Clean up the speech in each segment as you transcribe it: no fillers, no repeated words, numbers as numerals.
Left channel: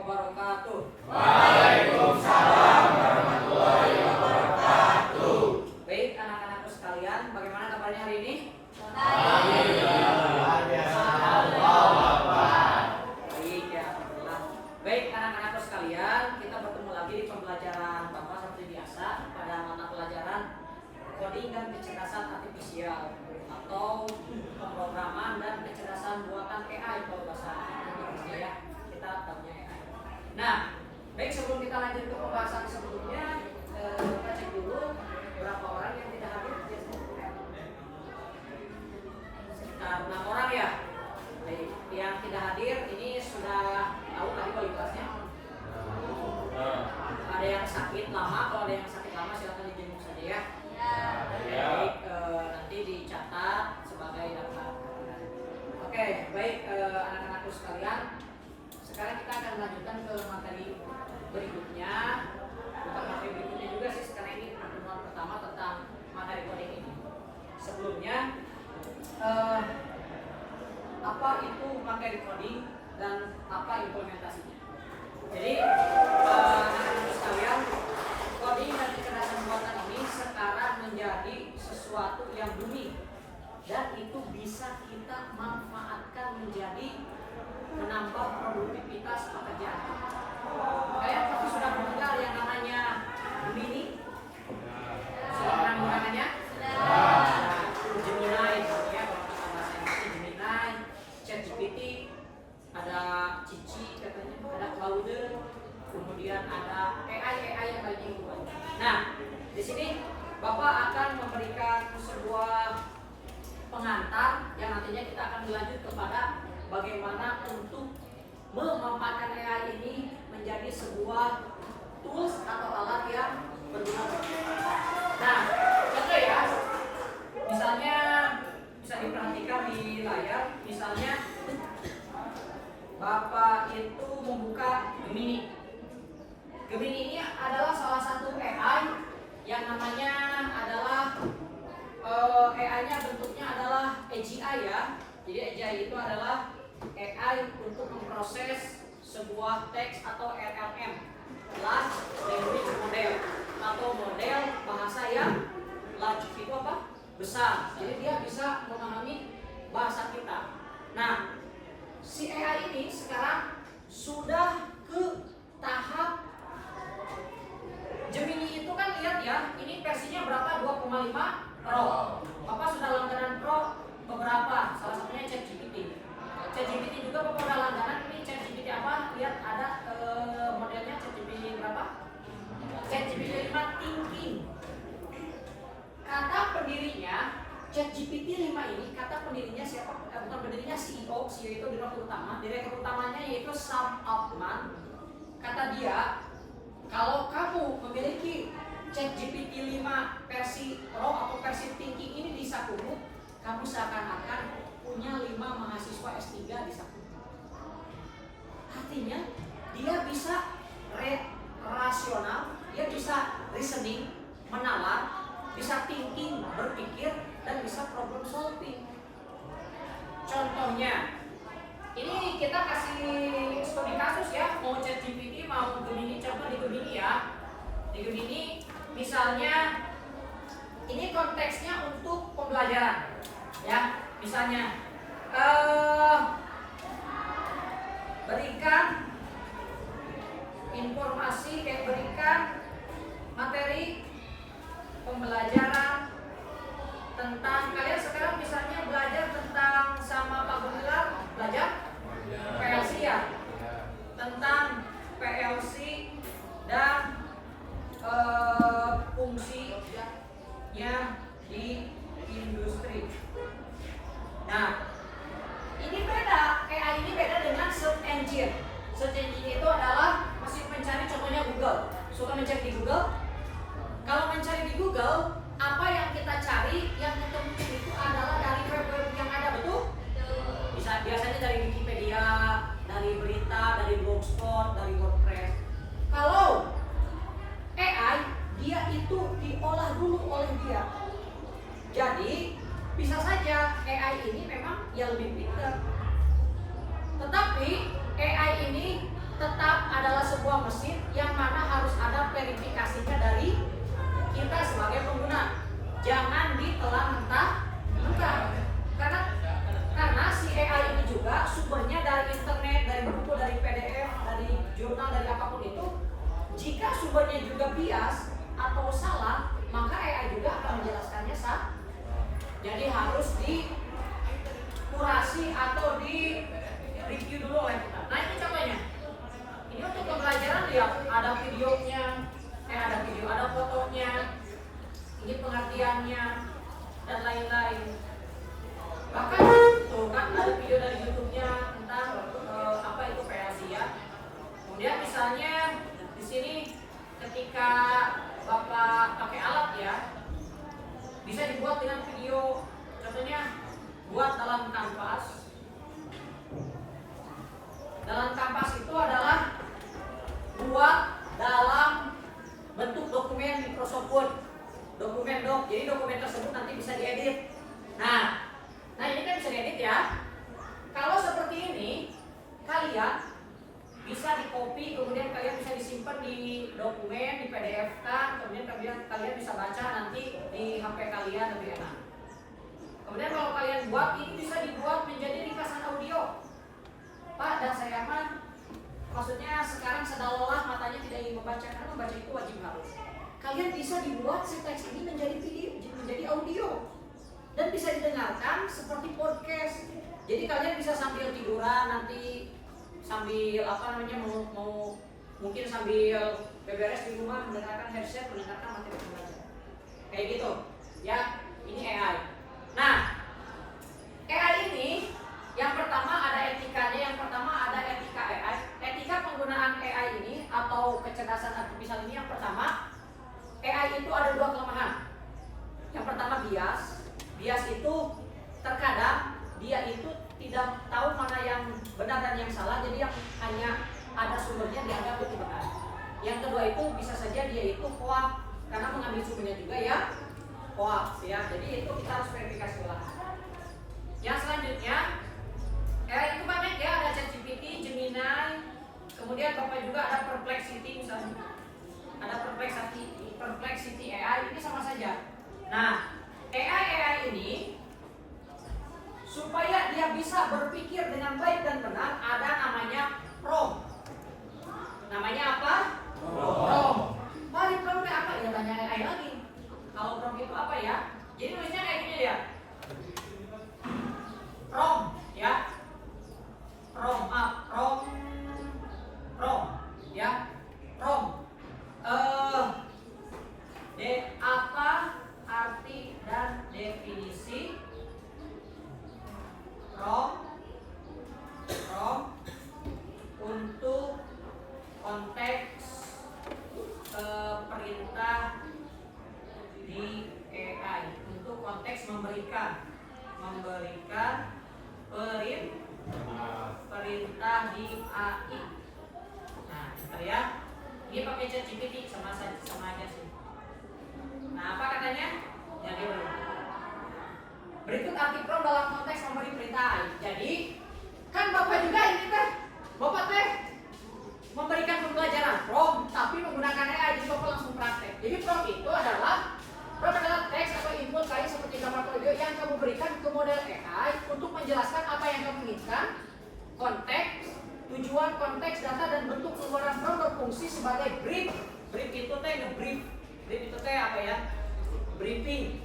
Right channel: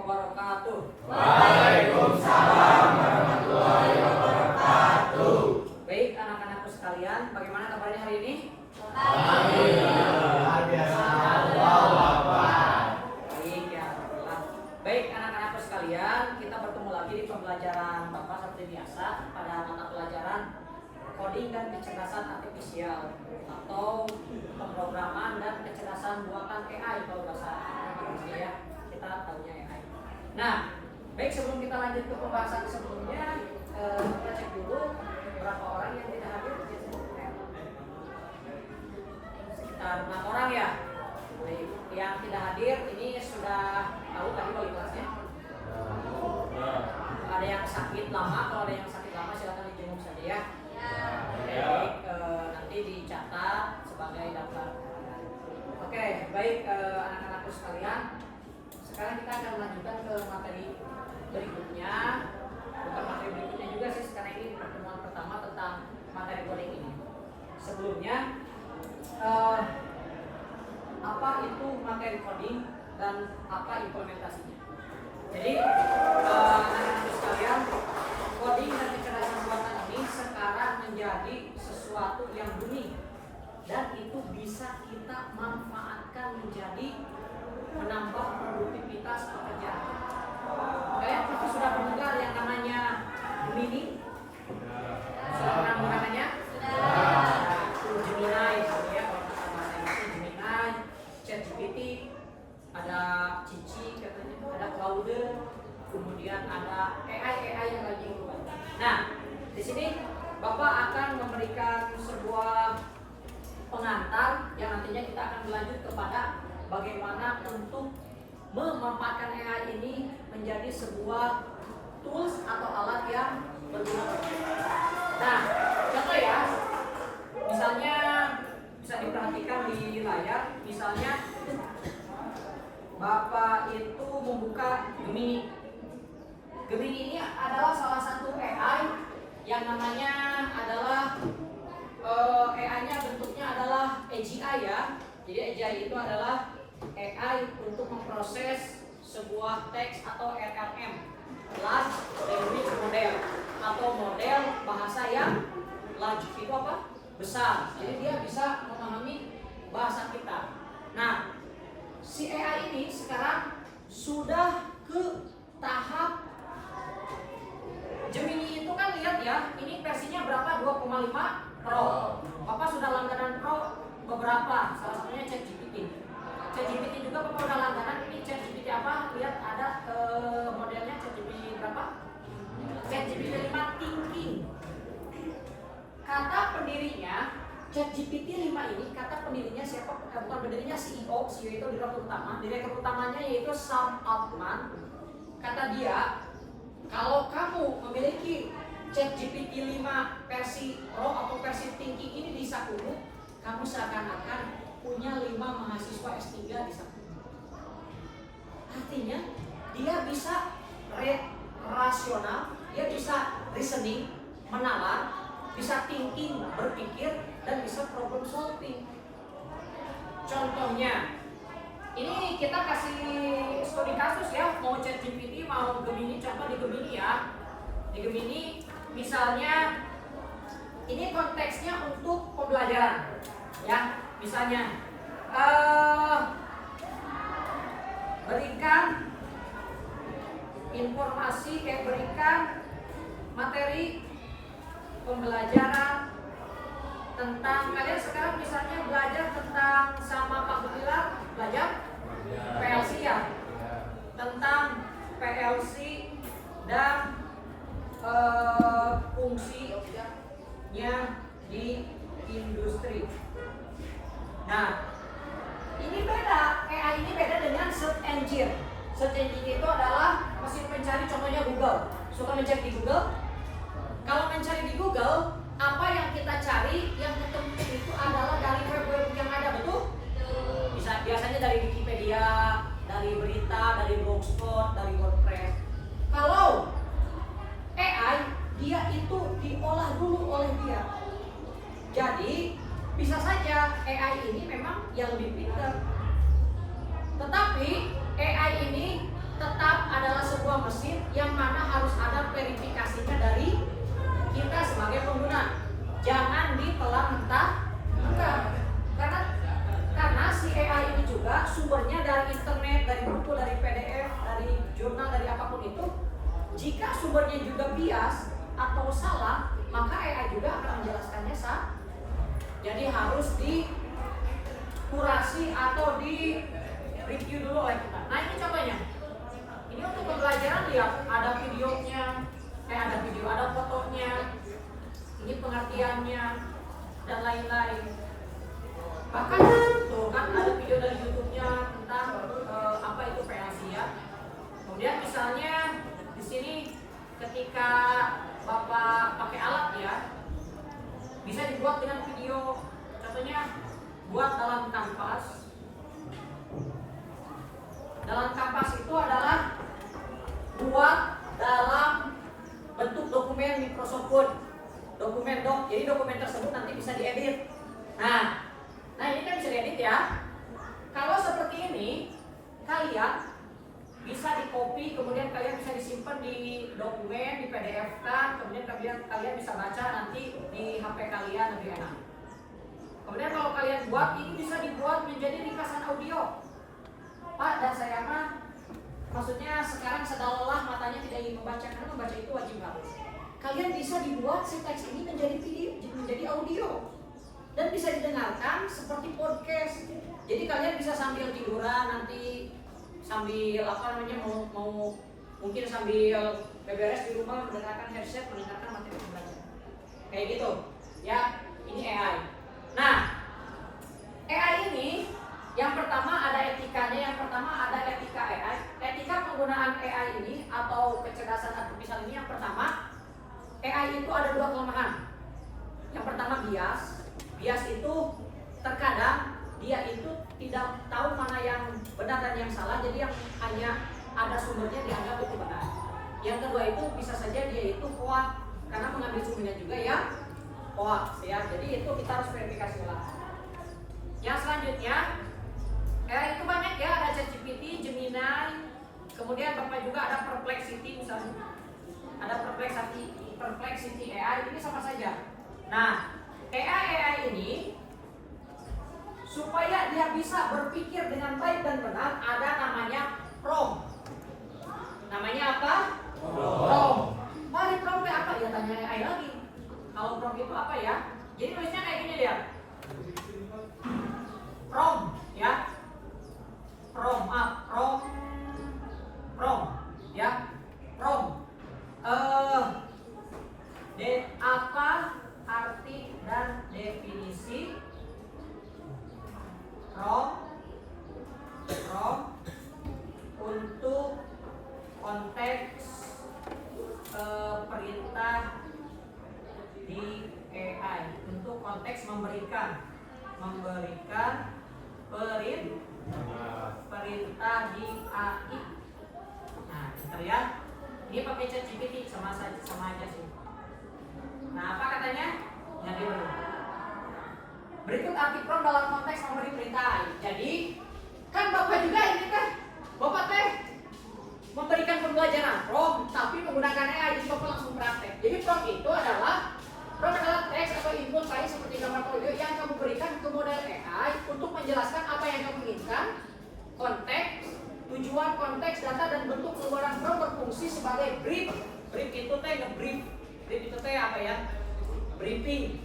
wabarakatuh. Waalaikumsalam warahmatullahi wabarakatuh. Baik anak-anakku sekalian, bagaimana kabarnya hari ini? Alhamdulillah, luar biasa. Allahu Akbar. Baik ya, alhamdulillah. Baik anak-anakku sekalian, kita bertemu lagi di pembelajaran Bapak seperti biasa pada mata pelajaran coding dan kecerdasan artifisial atau pemrograman dan kecerdasan buatan AI kalau bahasa Indonesia ya, kita tahunya AI. Nah, baik sebelum kita lanjut ke pembahasan sebelumnya, kita cek dulu berapa orang yang tidak hadir. Sekitar 6 orang ya. Baik, yang tidak hadir ini sudah tahu tadi wali kelasnya. Ada yang sakit lama, kalau ada yang sakit lama silakan dijenguk saja ya. Baik, nanti dicatat sebagai daftar. Oke, baik anak-anakku sekalian. Sekarang kita akan melanjutkan ke materi berikutnya. Bukan materi berikutnya juga sih, karena ini pertemuan pertama tentang materi coding ini. Sebelumnya, apa itu materi coding dan apa implementasinya? Jadi, anak-anak sekalian, coding dan kecerdasan buatan ini sekarang menjadi sesuatu yang booming dan itu bisa kita manfaatkan menjadi menambah produktivitas pekerjaan. Kalian pasti sudah mendengar yang namanya Gemini? Sudah pernah menggunakannya? Gemini, ya kalau kita bahasa Inggrisnya Gemini, ChatGPT, ada Cici katanya, ada Claude, kemudian ada AI yang lagi keluar. Nah, di sini Bapak akan memberikan sebuah pengantar yang nantinya kita akan berlanjut kepada bagaimana untuk memanfaatkan AI ini menjadi sebuah tools atau alat yang berguna. Nah, contoh ya, misalnya bisa diperhatikan di layar, misalnya Bapak itu membuka Gemini. Gemini ini adalah salah satu AI yang namanya adalah AI-nya bentuknya adalah AGI ya. Jadi AGI itu adalah AI untuk memproses sebuah teks atau LLM, Large Language Model, atau model bahasa yang large itu apa? Besar. Jadi dia bisa memahami bahasa kita. Nah, si AI ini sekarang sudah ke tahap Gemini itu kan lihat ya, ini versinya berapa? 2,5 Pro. Bapak sudah langganan Pro beberapa, salah satunya ChatGPT. ChatGPT juga Bapak sudah langganan, ini ChatGPT apa? Lihat ada modelnya ChatGPT berapa? ChatGPT 5 Thinking. Kata pendirinya ChatGPT 5 ini, kata pendirinya siapa? Bukan pendirinya CEO itu direktur utama. Direktur utamanya yaitu Sam Altman. Kata dia, kalau kamu memiliki ChatGPT 5 versi Pro atau versi Thinking ini di sakumu, kamu seakan-akan punya 5 mahasiswa S3 di sakumu. Artinya dia bisa rasional, dia bisa reasoning, menalar, bisa thinking, berpikir, dan bisa problem solving. Contohnya, ini kita kasih studi kasus ya, mau ChatGPT, mau Gemini, contoh di Gemini ya. Di Gemini, misalnya, ini konteksnya untuk pembelajaran, ya. Misalnya, berikan informasi, berikan materi pembelajaran tentang, kalian sekarang misalnya belajar tentang sama Pak Gemilar, belajar PLC ya, tentang PLC dan fungsinya di industri. Nah, ini beda, AI ini beda dengan search engine. Search engine itu adalah mesin pencari, contohnya Google. Suka mencari di Google? Kalau mencari di Google, apa yang kita cari, yang ketemu itu adalah dari web-web yang ada, betul? Bisa biasanya dari Wikipedia, dari berita, dari Blogspot, dari WordPress. Kalau AI, dia itu diolah dulu oleh dia. Jadi bisa saja AI ini memang yang lebih pintar, tetapi AI ini tetap sebuah mesin yang mana harus ada verifikasinya dari kita sebagai pengguna. Jangan ditelan mentah-mentah. Karena si AI ini juga sumbernya dari internet, dari buku, dari PDF, dari jurnal, dari apapun itu. Jika sumbernya juga bias atau salah, maka AI juga akan menjelaskannya salah. Jadi harus dikurasi atau di review dulu oleh kita. Nah ini contohnya. Ini untuk pembelajaran lihat ada videonya, ada fotonya, ini pengertiannya dan lain-lain. Bahkan tuh kan ada video dari YouTube-nya tentang apa itu PLC ya. Kemudian misalnya di sini ketika Bapak pakai alat ya, bisa dibuat dengan video. Contohnya buat dalam kanvas. Dalam kanvas itu adalah buat dalam bentuk dokumen Microsoft Word, dokumen doc. Jadi dokumen tersebut nanti bisa diedit. Nah ini kan bisa diedit ya. Kalau seperti ini, kalian bisa di copy, kemudian kalian bisa disimpan di dokumen, di PDF kan, kemudian kalian bisa baca nanti di HP kalian lebih enak. Kemudian kalau kalian buat, ini bisa dibuat menjadi ringkasan audio. Pak dan saya mah, maksudnya sekarang sedang lelah matanya tidak ingin membaca, karena membaca itu wajib harus. Kalian bisa dibuat si teks ini menjadi video, menjadi audio, dan bisa didengarkan seperti podcast. Jadi kalian bisa sambil tiduran nanti, sambil mau mungkin sambil beberes di rumah mendengarkan headset, mendengarkan materi pembelajaran. Kayak gitu, ya. Ini AI. Nah, AI ini yang pertama ada etikanya, yang pertama ada etika AI. Etika penggunaan AI ini atau kecerdasan artifisial ini yang pertama, AI itu ada dua kelemahan. Yang pertama bias. Bias itu terkadang dia itu tidak tahu mana yang benar dan yang salah, jadi yang hanya ada sumbernya dianggap itu benar. Yang kedua itu bisa saja dia itu hoax karena mengambil sumbernya juga ya hoax ya. Jadi itu kita harus verifikasi ulang. Yang selanjutnya itu banyak ya, ada ChatGPT, Gemini, kemudian Bapak juga ada Perplexity misalnya. Ada Perplexity AI, ini sama saja. Nah, AI ini supaya dia bisa berpikir dengan baik dan benar ada namanya prompt. Namanya apa? Prompt. Mari promptnya apa? Ya tanya AI lagi. Kalau prompt itu apa ya? Jadi tulisnya kayak gini ya. Prompt ya. Prompt ya. Prompt. Apa arti dan definisi prompt untuk konteks perintah di AI, untuk konteks memberikan perintah di AI. Nah, bentar ya. Ini pakai ChatGPT sama aja sih. Nah, apa katanya? Jadi berikut arti prompt dalam konteks memberi perintah AI. Jadi kan Bapak juga ini kan, Bapak teh memberikan pembelajaran prompt tapi menggunakan AI, jadi Bapak langsung praktek. Jadi prompt itu adalah teks atau input AI seperti gambar atau video yang kamu berikan ke model AI untuk menjelaskan apa yang kamu inginkan, konteks, tujuan, konteks, data, dan bentuk keluaran prompt berfungsi sebagai brief. Brief itu teh brief itu teh apa ya? Briefing.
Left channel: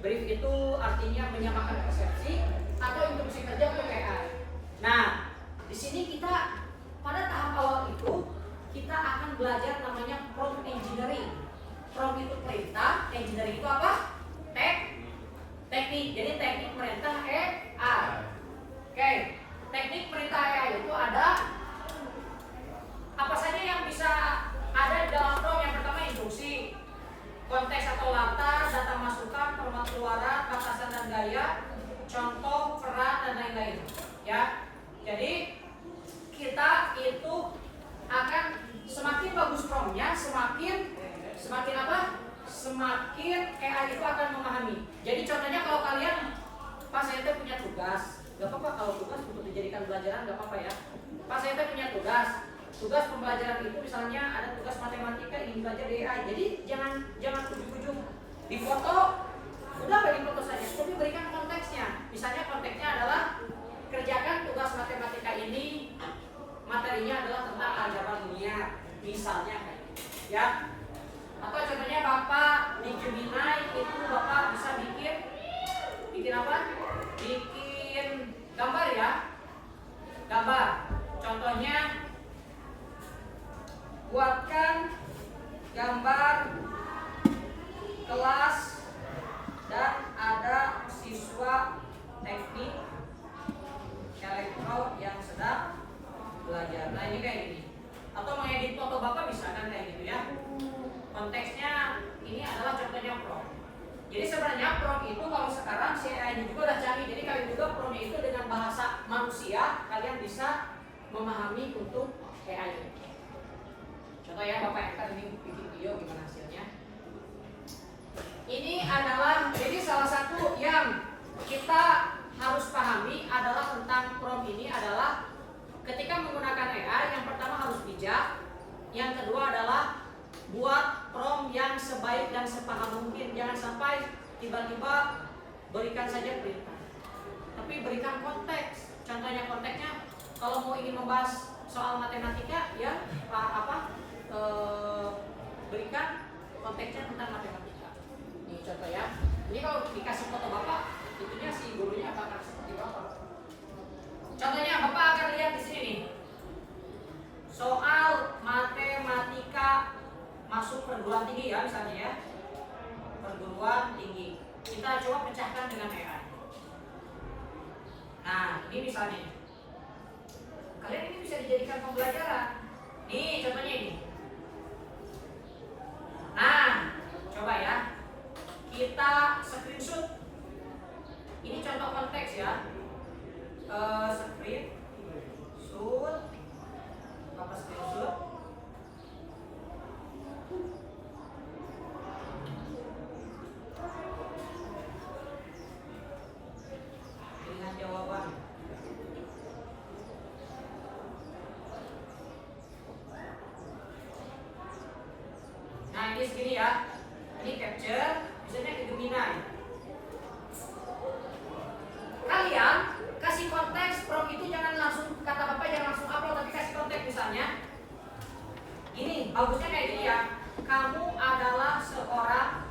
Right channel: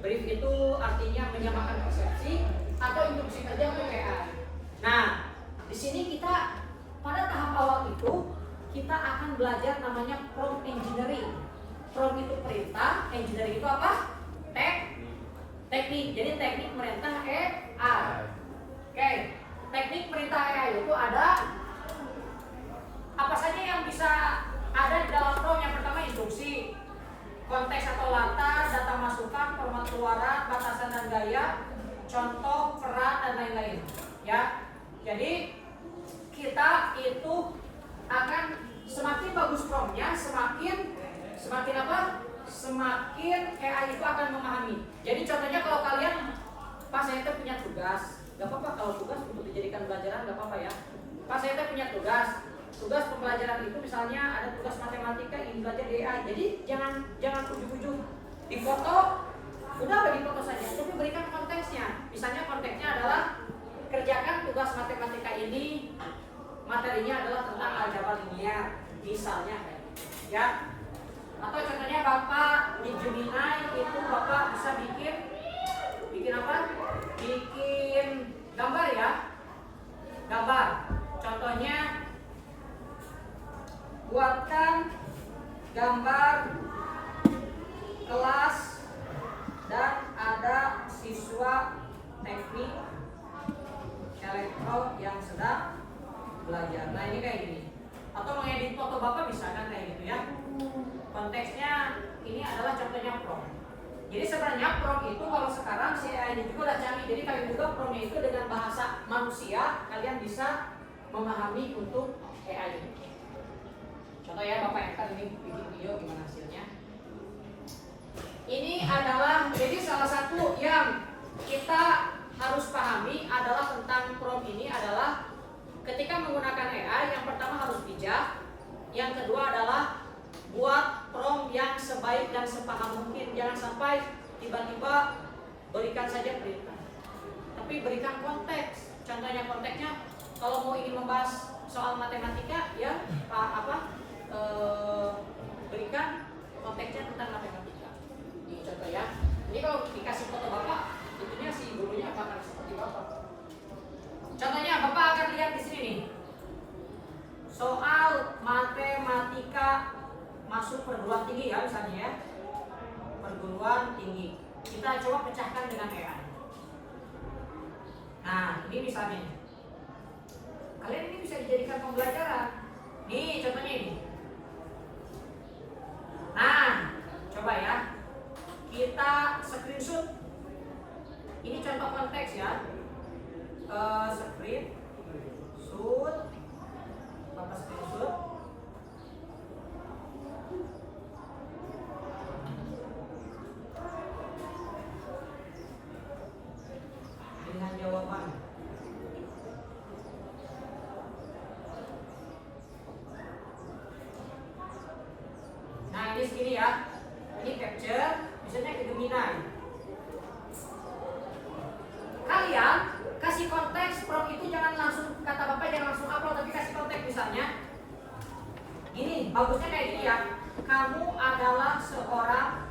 Brief itu artinya menyamakan persepsi atau instruksi kerja untuk AI. Nah, di sini kita pada tahap awal itu kita akan belajar namanya prompt engineering. Prompt itu perintah, engineering itu apa? Teknik. Jadi teknik perintah AI. Oke, teknik perintah AI itu ada apa saja yang bisa ada di dalam prompt. Yang pertama instruksi, konteks atau latar, data masukan, format keluaran, batasan dan gaya, contoh, peran, dan lain-lain. Ya, jadi kita itu akan semakin bagus promptnya, semakin apa? Semakin AI itu akan memahami. Jadi contohnya kalau kalian pas saya punya tugas, gak apa-apa kalau tugas untuk dijadikan pelajaran gak apa-apa ya. Pas saya punya tugas pembelajaran itu misalnya ada tugas matematika ingin belajar di AI, jadi jangan ujuk-ujuk di foto, udah bagi foto saja, tapi berikan konteksnya. Misalnya konteksnya adalah kerjakan tugas matematika ini, materinya adalah tentang aljabar linear, misalnya ya. Atau contohnya Bapak di Gemini itu Bapak bisa bikin apa? Bikin gambar ya. Gambar. Contohnya buatkan gambar kelas dan ada siswa teknik elektro yang sedang belajar. Nah ini kayak gini. Atau mengedit foto Bapak bisa kan kayak gitu ya. Konteksnya ini adalah contohnya prompt. Jadi sebenarnya prompt itu kalau sekarang si AI ini juga udah canggih. Jadi kalian juga promptnya itu dengan bahasa manusia kalian bisa memahami untuk AI ini. Contoh ya Bapak Eka ini bikin video gimana hasilnya. Ini adalah jadi salah satu yang kita harus pahami adalah tentang prompt ini adalah ketika menggunakan AI yang pertama harus bijak, yang kedua adalah buat prompt yang sebaik dan sepaham mungkin. Jangan sampai tiba-tiba berikan saja perintah, tapi berikan konteks. Contohnya konteksnya kalau mau ingin membahas soal matematika ya berikan konteksnya tentang matematika. Ini contoh ya. Ini kalau dikasih foto Bapak, itunya si gurunya akan seperti Bapak. Contohnya Bapak akan lihat di sini nih. Soal matematika masuk perguruan tinggi ya misalnya ya. Perguruan tinggi. Kita coba pecahkan dengan AI. Nah, ini misalnya. Kalian ini bisa dijadikan pembelajaran. Nih contohnya ini. Nah, coba ya. Kita screenshot. Ini contoh konteks ya. Screenshot. Bapak screenshot. Dengan jawaban. Nah ini segini ya. Ini capture. Misalnya ke Gemini. Kalian kasih konteks prompt itu jangan langsung kata Bapak jangan langsung upload tapi kasih konteks misalnya. Gini, bagusnya kayak gini ya. Kamu adalah seorang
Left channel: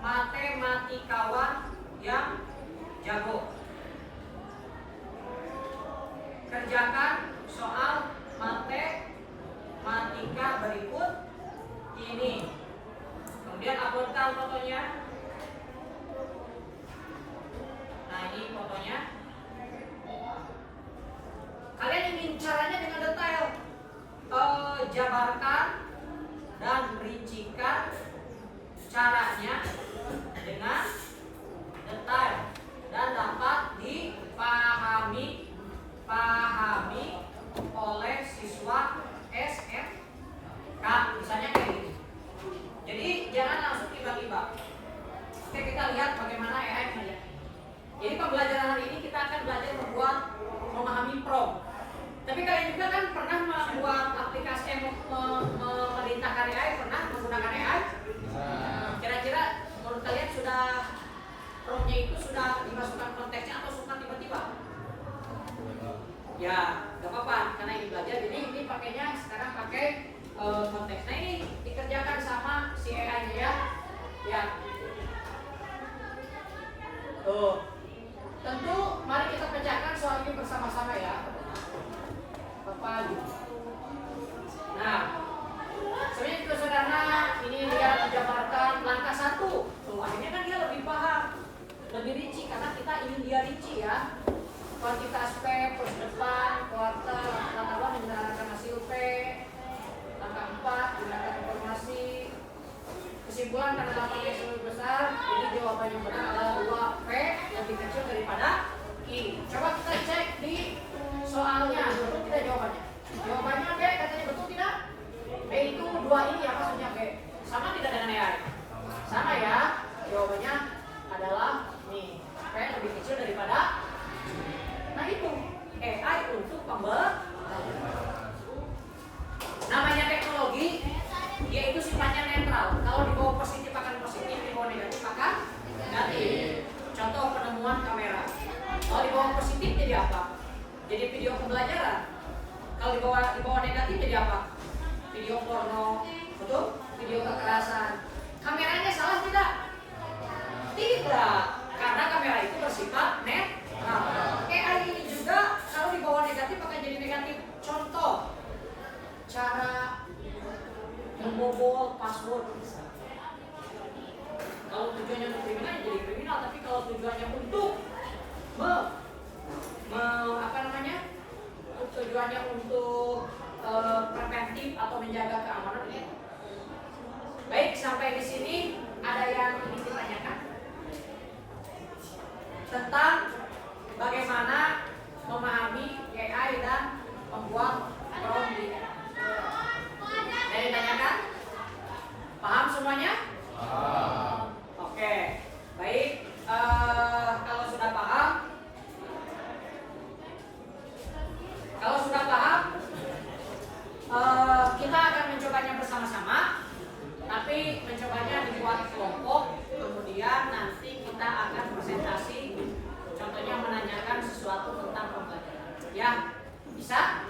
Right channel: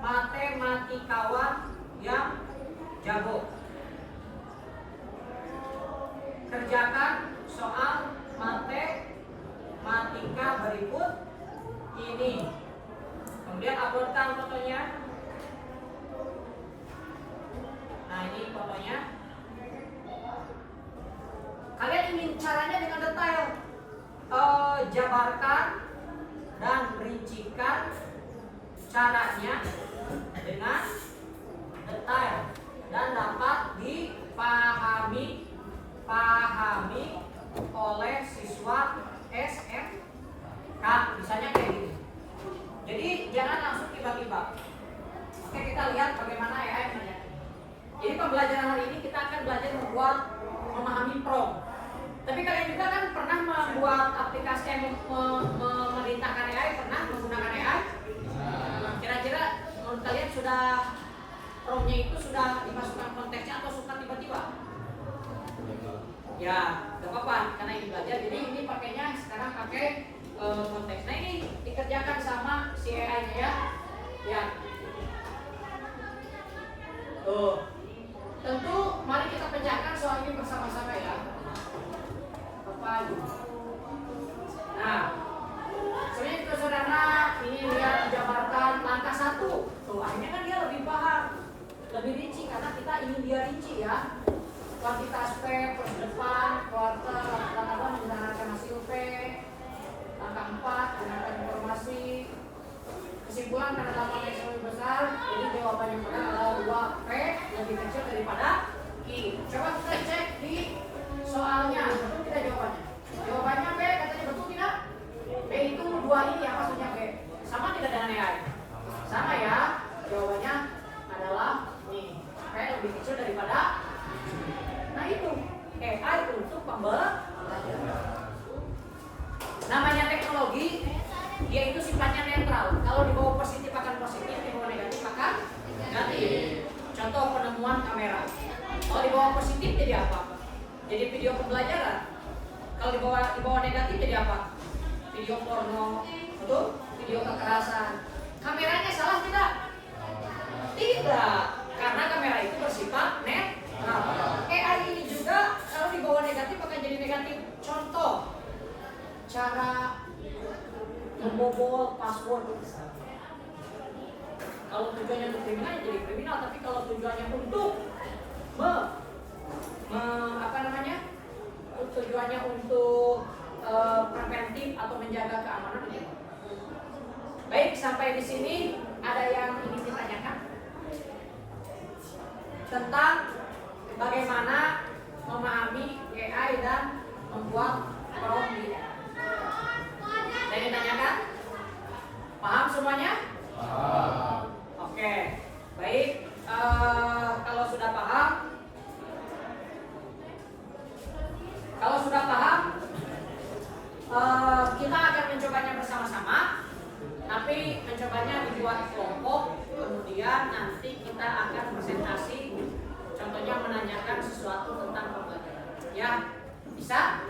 matematikawan yang jago. Kerjakan soal matematika berikut ini. Kemudian uploadkan fotonya. Nah ini fotonya. Kalian ingin caranya dengan detail, jabarkan dan rincikan caranya dengan detail dan dapat dipahami oleh siswa SMK. Misalnya kayak gini. Jadi jangan langsung tiba-tiba. Oke, kita lihat bagaimana AI mengerjakan. Jadi pembelajaran hari ini kita akan belajar memahami prompt. Tapi kalian juga kan pernah membuat aplikasi memerintahkan AI, pernah menggunakan AI? Kira-kira menurut kalian sudah promptnya itu sudah dimasukkan konteksnya atau suka tiba-tiba? Ya, gak apa-apa karena ini belajar. Jadi ini pakainya sekarang pakai konteks. Nah ini dikerjakan sama si AI-nya ya. Ya. Tentu mari kita pecahkan soal ini bersama-sama ya. Bapak. Nah, sebenarnya itu sederhana. Ini dia menjabarkan langkah 1. Tuh, akhirnya kan dia lebih paham, lebih rinci karena kita ingin dia rinci ya. Kuantitas P, plus depan, kuartal, langkah 2 menggunakan hasil P, langkah 4 gunakan informasi. Kesimpulan karena lapangan yang lebih besar, jadi jawaban yang benar adalah 2P lebih kecil daripada I. Coba kita cek di soalnya, betul tidak jawabannya? Jawabannya B, katanya betul tidak? B itu 2 ini ya maksudnya B. Sama tidak dengan AI? Sama ya, jawabannya adalah nih, P lebih kecil daripada. Nah itu AI untuk pembelajaran. jadi video pembelajaran. Kalau di bawah negatif jadi apa? Video porno, betul? Video kekerasan. Kameranya salah tidak? Tidak, karena kamera itu bersifat netral. AI ini juga kalau di bawah negatif akan jadi negatif. Contoh, cara membobol password. Kalau tujuannya untuk kriminal ya jadi kriminal, tapi kalau tujuannya untuk tujuannya untuk preventif atau menjaga keamanan ya. Baik, sampai di sini ada yang ingin ditanyakan tentang bagaimana memahami AI dan membuat prompt di AI. Ada yang ditanyakan? Paham semuanya? Oke, baik. Kalau sudah paham, kita akan mencobanya bersama-sama. Tapi mencobanya dibuat kelompok, kemudian nanti kita akan presentasi. Contohnya menanyakan sesuatu tentang pembelajaran. Ya, bisa?